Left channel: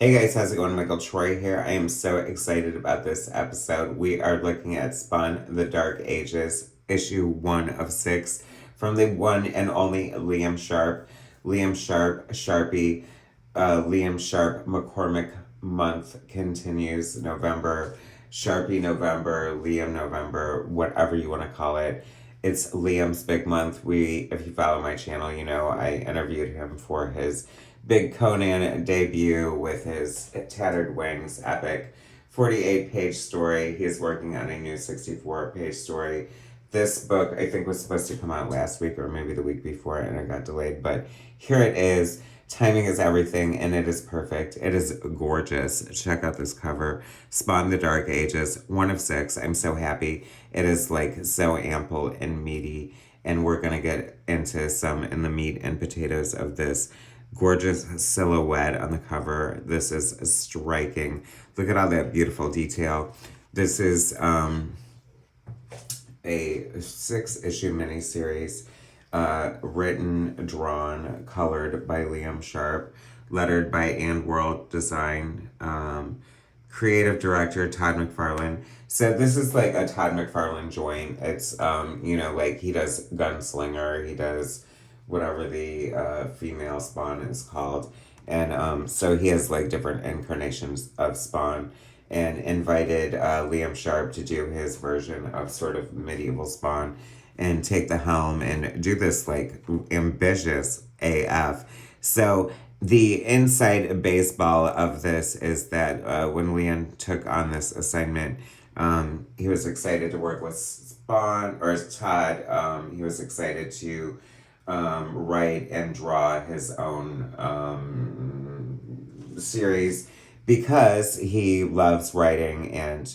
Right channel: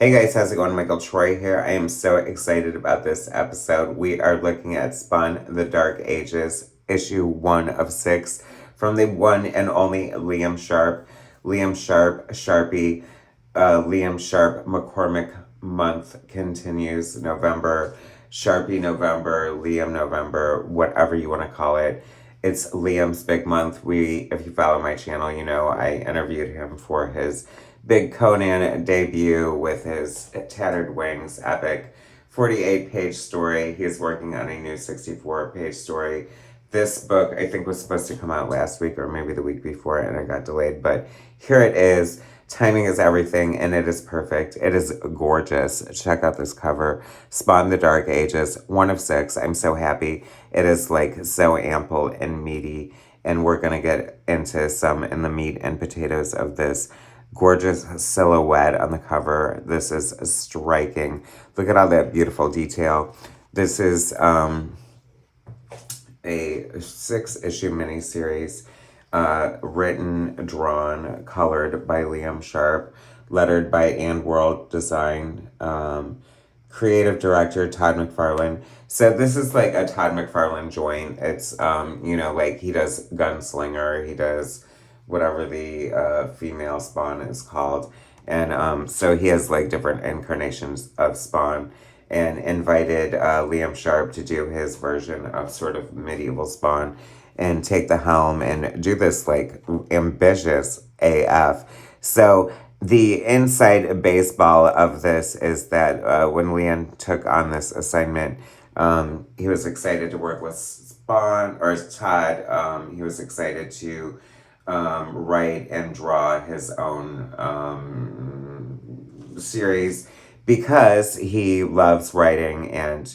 Hey guys, how's it going? Michael Troy here. I am so excited about this episode. We are looking at Spun the Dark Ages, issue 1 of 6, from the one and only Liam Sharp. Liam Sharp, Sharpie, Liam Sharp McCormick month continues November, Sharpie November, Liam November, whatever you want to call it. It's Liam's big month. If you follow my channel, you know I interviewed him for his big Conan debut with his Tattered Wings epic 48-page story. He's working on a new 64-page story. This book, I think, was supposed to come out last week or maybe the week before, and it got delayed. But here it is. Timing is everything, and it is perfect. It is gorgeous. Check out this cover. Spawn the Dark Ages, 1 of 6. I'm so happy. It is like so ample and meaty, and we're going to get into some in the meat and potatoes of this gorgeous silhouette on the cover. This is striking. Look at all that beautiful detail. This is a 6-issue miniseries, written, drawn, colored by Liam Sharp, lettered by And World Design, creative director Todd McFarlane. So this is like a Todd McFarlane joint. It's like he does Gunslinger, he does whatever the female Spawn is called. And so he has like different incarnations of Spawn, and invited Liam Sharp to do his version of sort of medieval Spawn and take the helm and do this like ambitious AF. So the inside baseball of this is that when Liam took on this assignment, he was excited to work with Spawn or Todd. He was excited to write and draw his own series because he loves writing, and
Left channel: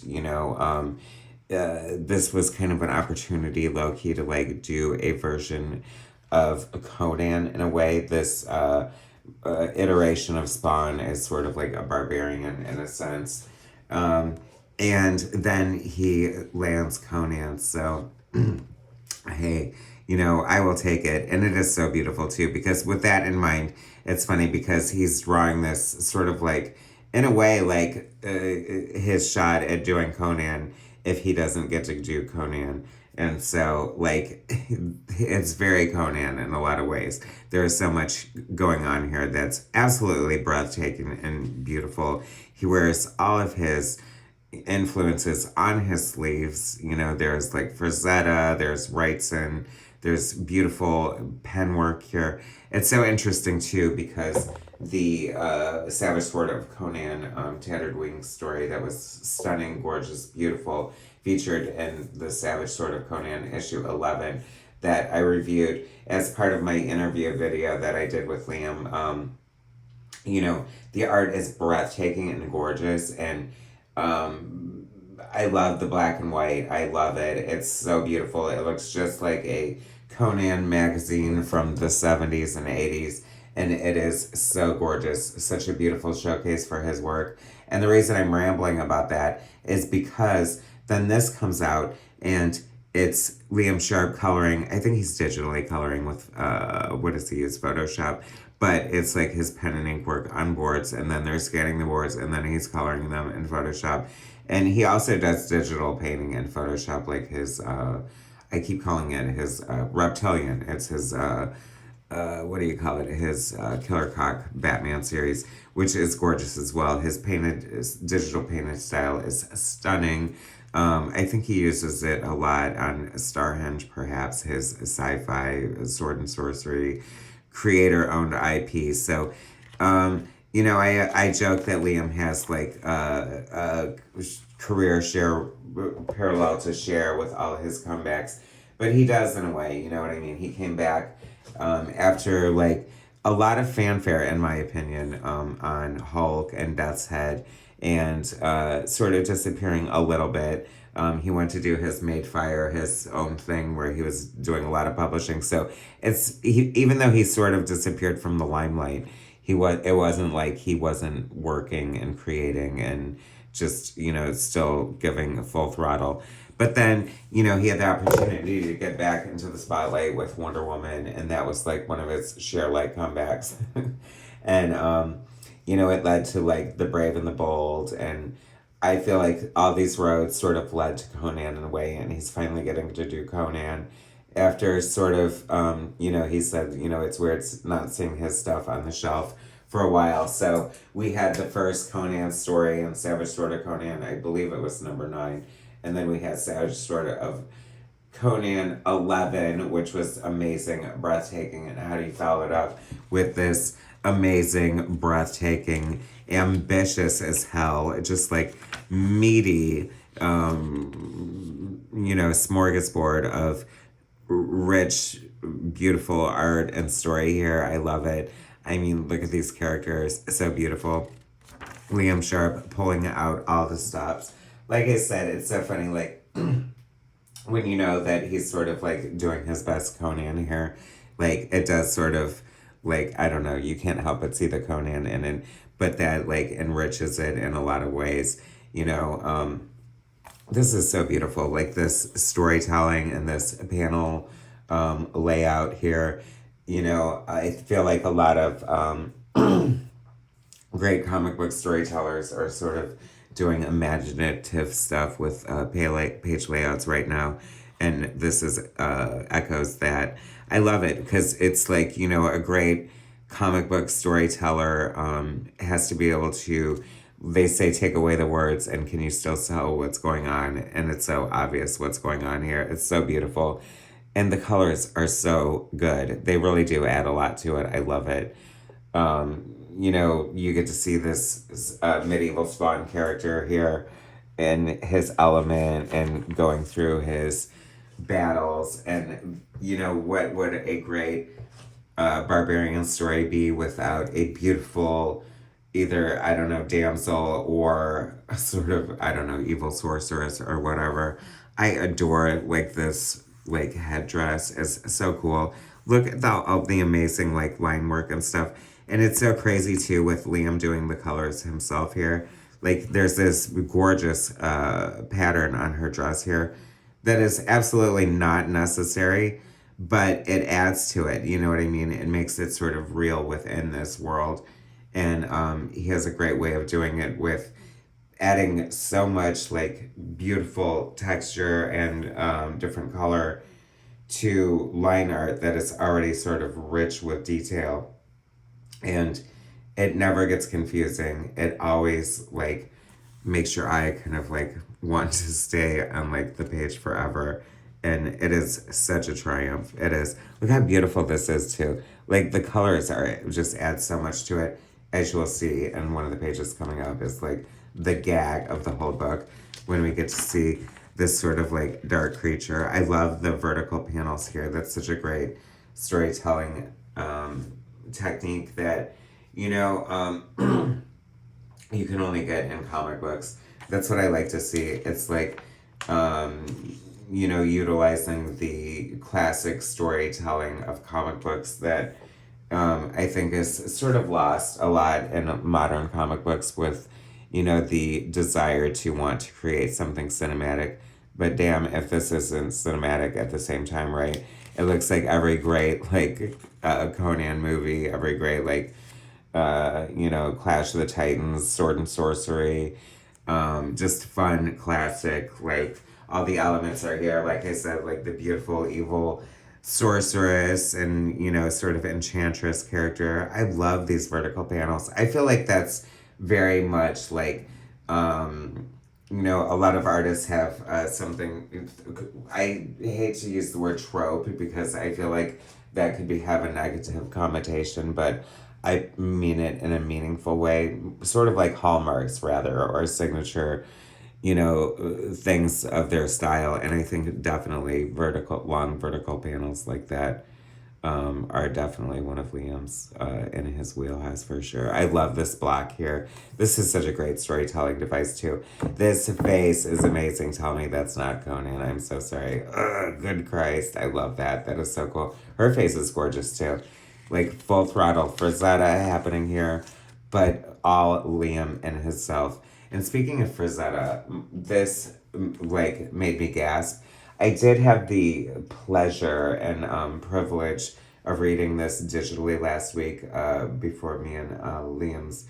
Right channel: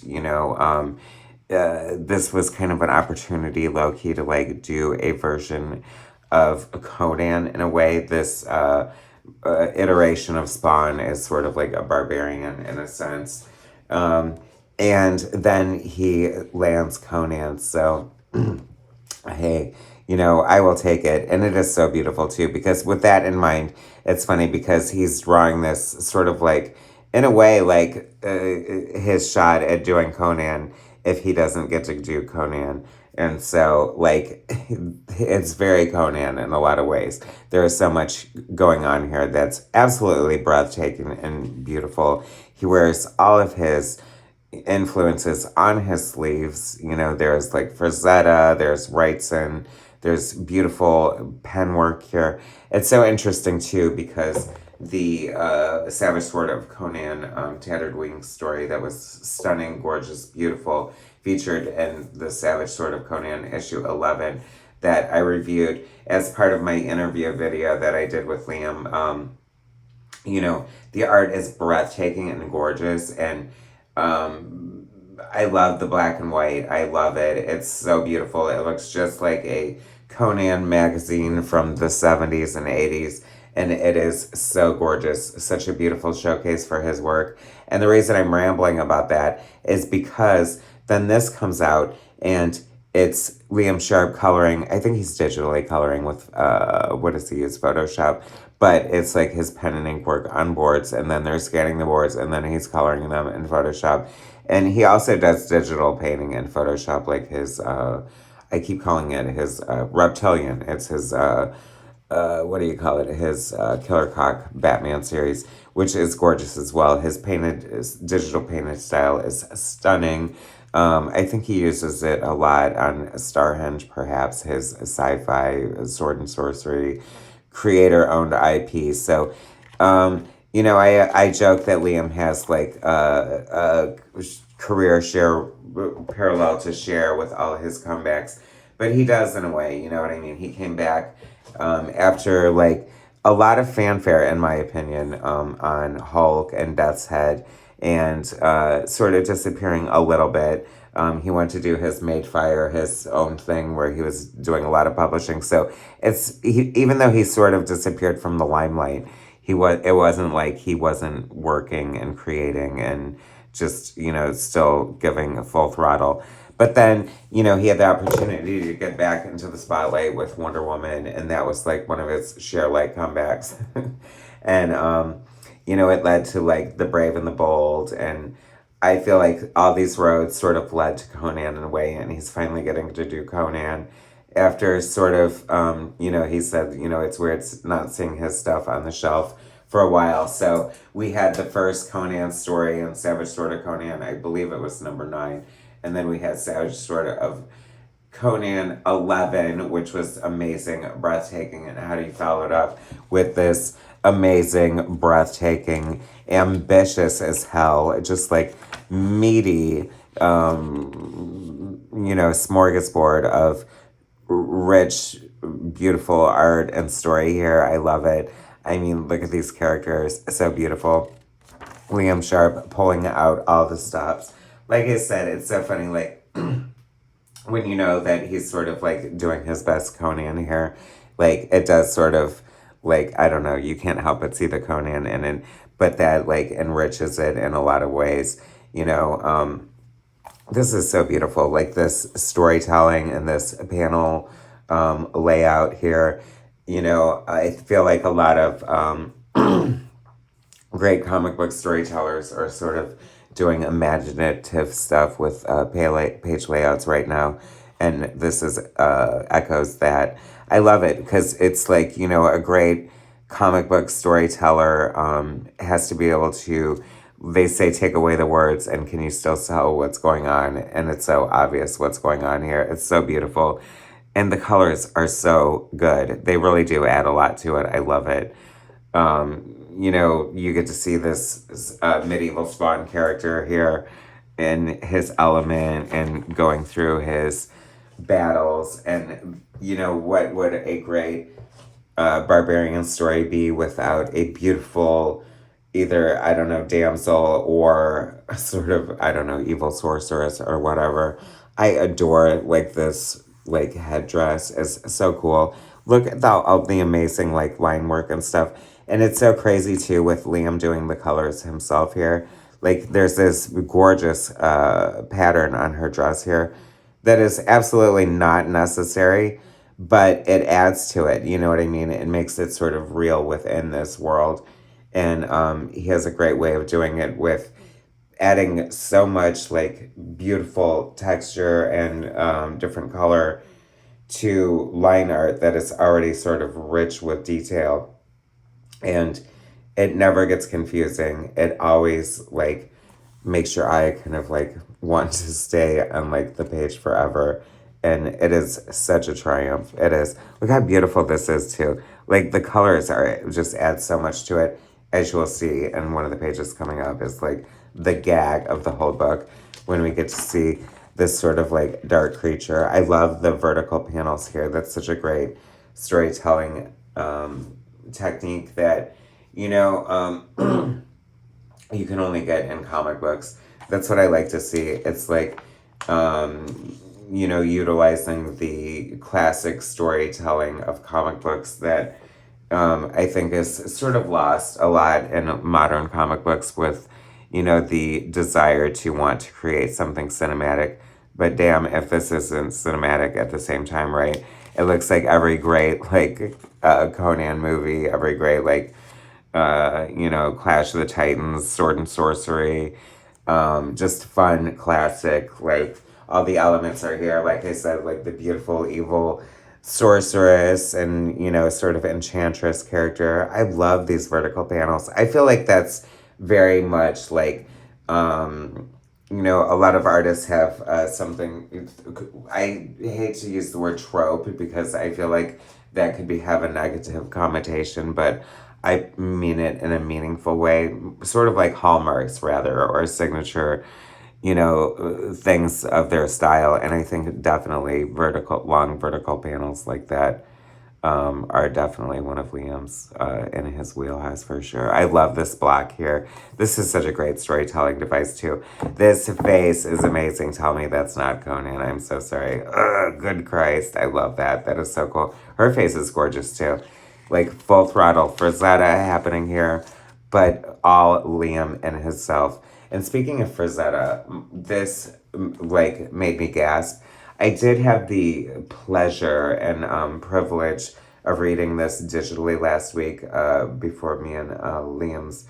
this was kind of an opportunity, low key, to like do a version of Conan in a way. This iteration of Spawn is sort of like a barbarian in a sense, and then he lands Conan. So hey, I will take it. And it is so beautiful too, because with that in mind, it's funny because he's drawing this sort of like, in a way, like his shot at doing Conan if he doesn't get to do Conan. And so, like, it's very Conan in a lot of ways. There is so much going on here that's absolutely breathtaking and beautiful. He wears all of his influences on his sleeves. There's like Frazetta, there's Wrightson, there's beautiful pen work here. It's so interesting too because the Savage Sword of Conan Tattered Wings story that was stunning, gorgeous, beautiful, featured in the Savage Sword of Conan issue 11 that I reviewed as part of my interview video that I did with Liam. The art is breathtaking and gorgeous, and I love the black and white. I love it. It's so beautiful. It looks just like a Conan magazine from the 70s and 80s. And it is so gorgeous. Such a beautiful showcase for his work. And the reason I'm rambling about that is because then this comes out and it's Liam Sharp coloring. I think he's digitally coloring with, what does he use? Photoshop. But it's like his pen and ink work on boards, and then they're scanning the boards, and then he's coloring them in Photoshop. And he also does digital painting in Photoshop, like his, I keep calling it his Reptilian. It's his, what do you call it? His Killer Croc Batman series, which is gorgeous as well. His digital painted style is stunning. I think he uses it a lot on Starhenge, perhaps, his sci-fi sword and sorcery creator-owned IP. So, I joke that Liam has like a career share parallel to share with all his comebacks, but he does in a way. You know what I mean? He came back after like a lot of fanfare, in my opinion, on Hulk and Death's Head, and sort of disappearing a little bit. He went to do his Made Fire, his own thing, where he was doing a lot of publishing. So even though he sort of disappeared from the limelight, it wasn't like he wasn't working and creating and just still giving a full throttle. But then he had the opportunity to get back into the spotlight with Wonder Woman, and that was like one of his share like comebacks. And it led to like The Brave and the Bold, and I feel like all these roads sort of led to Conan in a way, and he's finally getting to do Conan after sort of, he said, it's weird not seeing his stuff on the shelf for a while. So we had the first Conan story and Savage Sword of Conan, I believe it was number 9, and then we had Savage Sword of Conan 11, which was amazing, breathtaking, and how do you follow it up with this amazing, breathtaking, ambitious as hell, just like meaty, smorgasbord of rich, beautiful art and story here. I love it. I mean, look at these characters, so beautiful. Liam Sharp pulling out all the stops. Like I said, it's so funny, like, when you know that he's sort of like doing his best Conan here, like it does sort of like, I don't know, you can't help but see the Conan in it, but that like enriches it in a lot of ways, this is so beautiful, like this storytelling and this panel layout here. I feel like a lot of great comic book storytellers are sort of doing imaginative stuff with page layouts right now, and this is echoes that. I love it because it's like, a great comic book storyteller has to be able to, they say, take away the words and can you still tell what's going on, and it's so obvious what's going on here. It's so beautiful, and the colors are so good. They really do add a lot to it. I love it. You get to see this medieval Spawn character here in his element and going through his battles. And, what would a great barbarian story be without a beautiful, either, I don't know, damsel or sort of, I don't know, evil sorceress or whatever. I adore, like, this, like, headdress is so cool. Look at all the amazing, like, line work and stuff. And it's so crazy, too, with Liam doing the colors himself here. Like, there's this gorgeous pattern on her dress here that is absolutely not necessary, but it adds to it. You know what I mean? It makes it sort of real within this world. And he has a great way of doing it with adding so much, like, beautiful texture and different color to line art that is already sort of rich with detail. And it never gets confusing. It always, like, makes your eye kind of, like, want to stay on, like, the page forever. And it is such a triumph. It is. Look how beautiful this is, too. Like, the colors just add so much to it. As you will see in one of the pages coming up is, like, the gag of the whole book when we get to see this sort of, like, dark creature. I love the vertical panels here. That's such a great storytelling technique that, you can only get in comic books. That's what I like to see. It's like, utilizing the classic storytelling of comic books that I think is sort of lost a lot in modern comic books with, the desire to want to create something cinematic. But damn, if this isn't cinematic at the same time, right? It looks like every great, like, Conan movie, every great, like, Clash of the Titans, Sword and Sorcery, just fun, classic, like, all the elements are here. Like I said, like, the beautiful, evil sorceress and, sort of enchantress character. I love these vertical panels. I feel like that's very much, like, a lot of artists have something, I hate to use the word trope because I feel like that could have a negative connotation, but I mean it in a meaningful way, sort of like hallmarks rather, or signature, things of their style. And I think definitely long vertical panels like that are definitely one of Liam's in his wheelhouse for sure. I love this block here. This is such a great storytelling device too. This face is amazing. Tell me that's not Conan. I'm so sorry. Ugh, good Christ. I love that. That is so cool. Her face is gorgeous too. Like full throttle Frazetta happening here, but all Liam and himself. And speaking of Frazetta, this like made me gasp. I did have the pleasure and privilege of reading this digitally last week before me and Liam's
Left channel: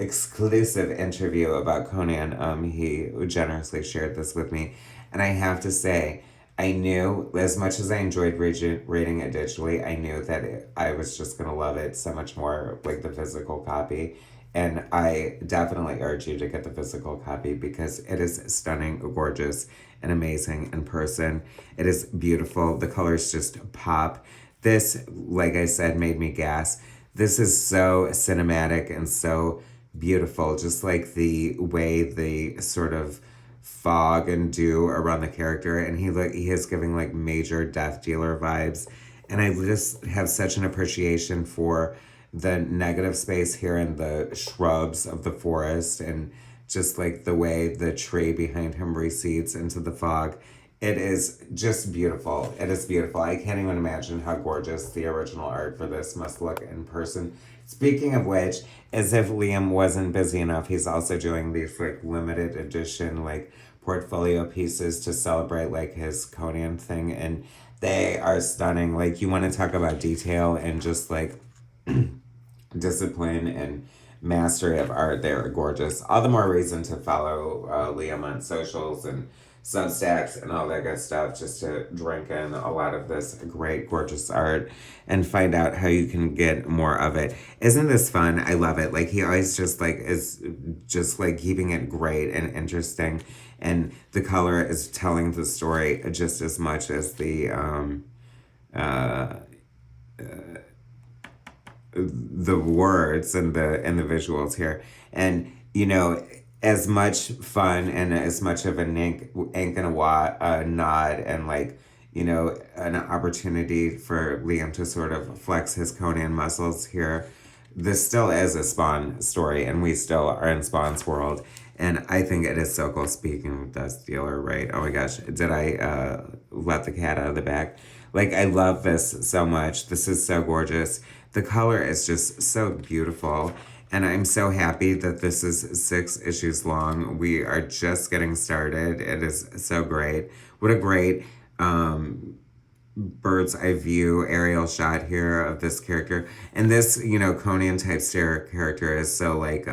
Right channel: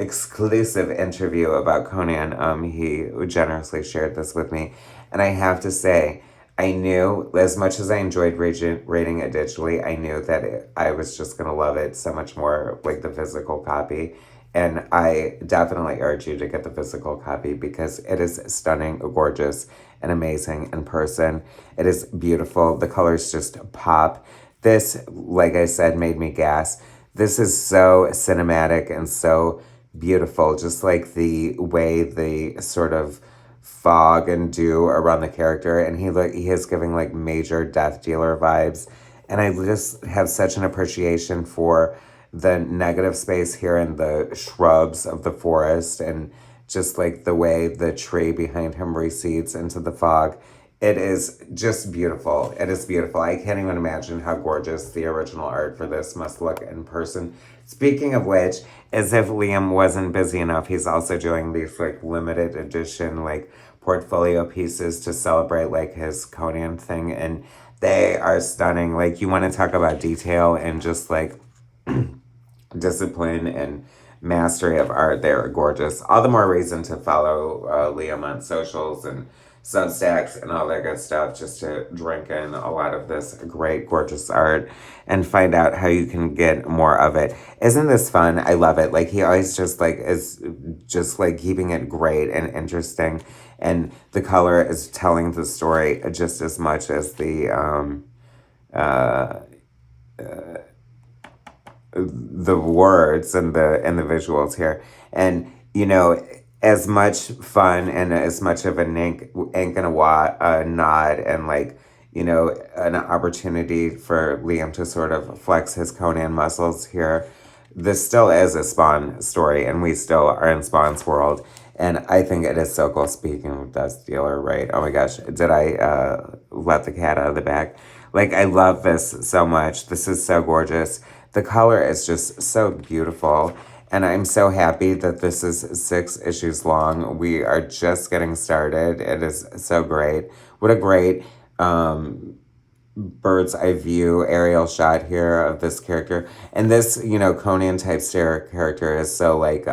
exclusive interview about Conan. He generously shared this with me, and I have to say, I knew as much as I enjoyed rating it digitally, I knew that I was just gonna love it so much more, like the physical copy. And I definitely urge you to get the physical copy because it is stunning, gorgeous, and amazing in person. It is beautiful. The colors just pop. This, like I said, made me gasp. This is so cinematic and so beautiful, just like the way the sort of fog and dew around the character, and he is giving like major Death Dealer vibes, and I just have such an appreciation for the negative space here in the shrubs of the forest, and just like the way the tree behind him recedes into the fog. It is just beautiful. It is beautiful. I can't even imagine how gorgeous the original art for this must look in person. Speaking of which, as if Liam wasn't busy enough, he's also doing these like limited edition like portfolio pieces to celebrate like his Conan thing, and they are stunning. Like, you want to talk about detail and just like discipline and mastery of art. They're gorgeous. All the more reason to follow Liam on socials and Substacks and all that good stuff, just to drink in a lot of this great, gorgeous art and find out how you can get more of it. Isn't this fun? I love it. Like, he always just like is just like keeping it great and interesting, and the color is telling the story just as much as the words and the visuals here. And you know, as much fun and as much of an ink and a nod, and like, you know, an opportunity for Liam to sort of flex his Conan muscles here, this still is a Spawn story, and we still are in Spawn's world. And I think it is so cool. Speaking of Death Dealer, right? Oh my gosh, did I let the cat out of the bag? Like, I love this so much. This is so gorgeous. The color is just so beautiful. And I'm so happy that this is 6 issues long. We are just getting started. It is so great. What a great bird's eye view aerial shot here of this character. And this, you know, Conan type stare character is so like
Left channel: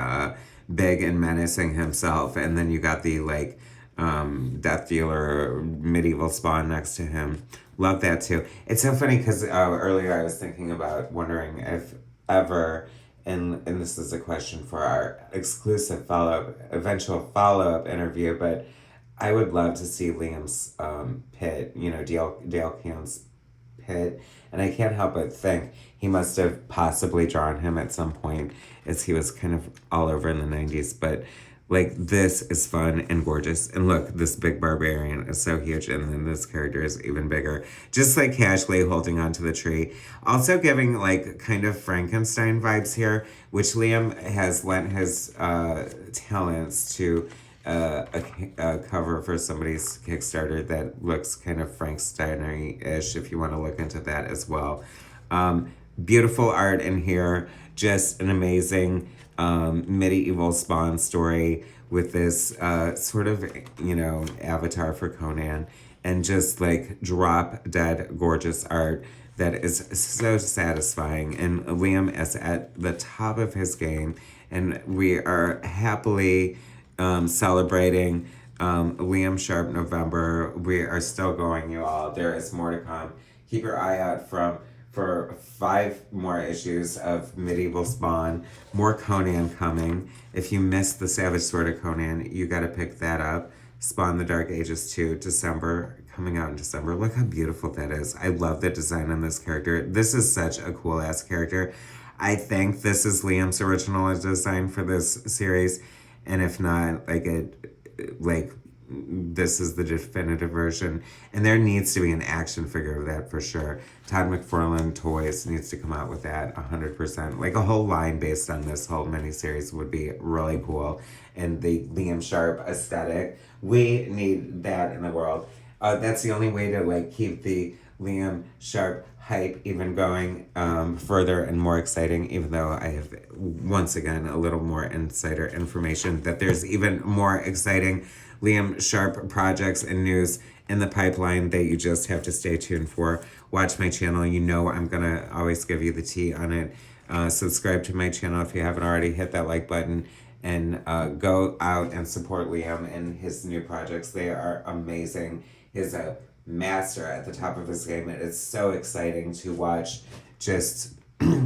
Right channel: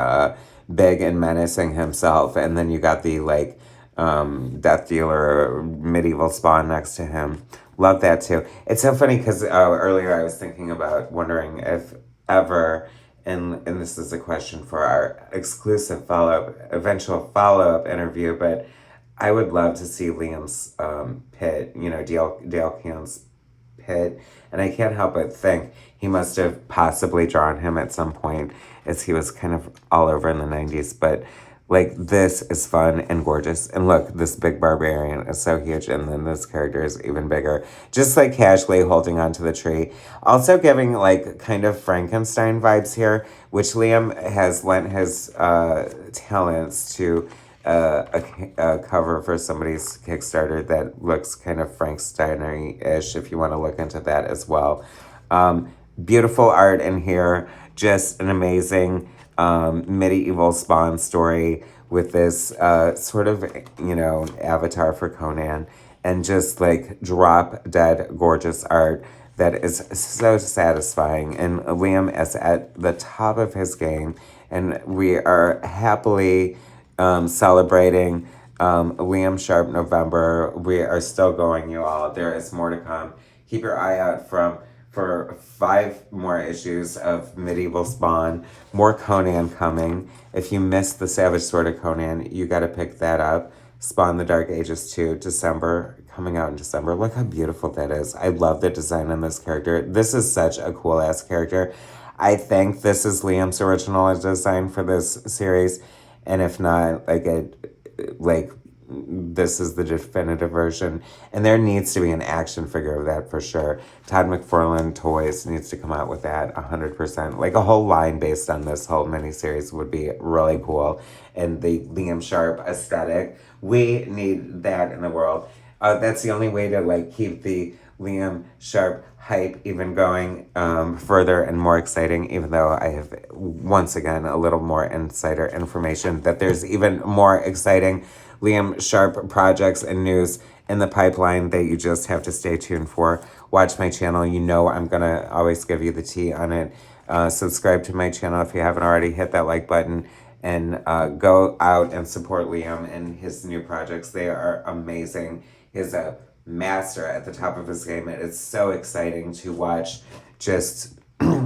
big and menacing himself. And then you got the like Death Dealer medieval Spawn next to him. Love that too. It's so funny because earlier I was thinking about wondering if ever, and this is a question for our exclusive eventual follow-up interview, but I would love to see Liam's pit, you know, Dale Camp's pit, and I can't help but think he must have possibly drawn him at some point, as he was kind of all over in the 90s, but like, this is fun and gorgeous. And look, this big barbarian is so huge, and then this character is even bigger. Just like casually holding onto the tree. Also giving like kind of Frankenstein vibes here, which Liam has lent his talents to a cover for somebody's Kickstarter that looks kind of Frankenstein-ish, if you want to look into that as well. Beautiful art in here. Just an amazing medieval Spawn story with this sort of, you know, avatar for Conan, and just like drop dead gorgeous art that is so satisfying. And Liam is at the top of his game, and we are happily celebrating Liam Sharp November. We are still going, you all. There is more to come. Keep your eye out for 5 more issues of Medieval Spawn. More Conan coming. If you missed the Savage Sword of Conan, you got to pick that up. Spawn the Dark Ages 2, December, coming out in December. Look how beautiful that is. I love the design on this character. This is such a cool-ass character. I think this is Liam's original design for this series, and if not, this is the definitive version, and there needs to be an action figure of that for sure. Todd McFarlane Toys needs to come out with that 100%. Like, a whole line based on this whole miniseries would be really cool. And the Liam Sharp aesthetic, we need that in the world. That's the only way to like keep the Liam Sharp hype even going further and more exciting, even though I have, once again, a little more insider information that there's even more exciting Liam Sharp projects and news in the pipeline that you just have to stay tuned for. Watch my channel. You know I'm going to always give you the tea on it. Subscribe to my channel if you haven't already. Hit that like button and go out and support Liam and his new projects. They are amazing. He's a master at the top of his game. It's so exciting to watch just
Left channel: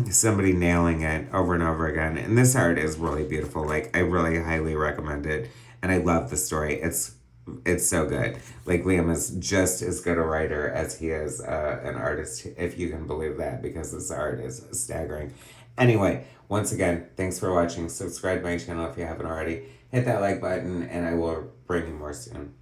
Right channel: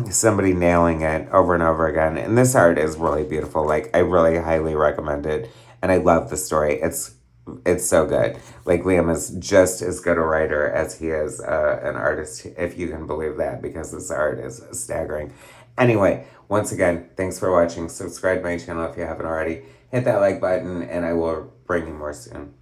somebody nailing it over and over again. And this art is really beautiful. Like, I really highly recommend it. And I love the story. It's so good. Like, Liam is just as good a writer as he is an artist, if you can believe that, because this art is staggering. Anyway, once again, thanks for watching. Subscribe to my channel if you haven't already. Hit that like button, and I will bring you more soon.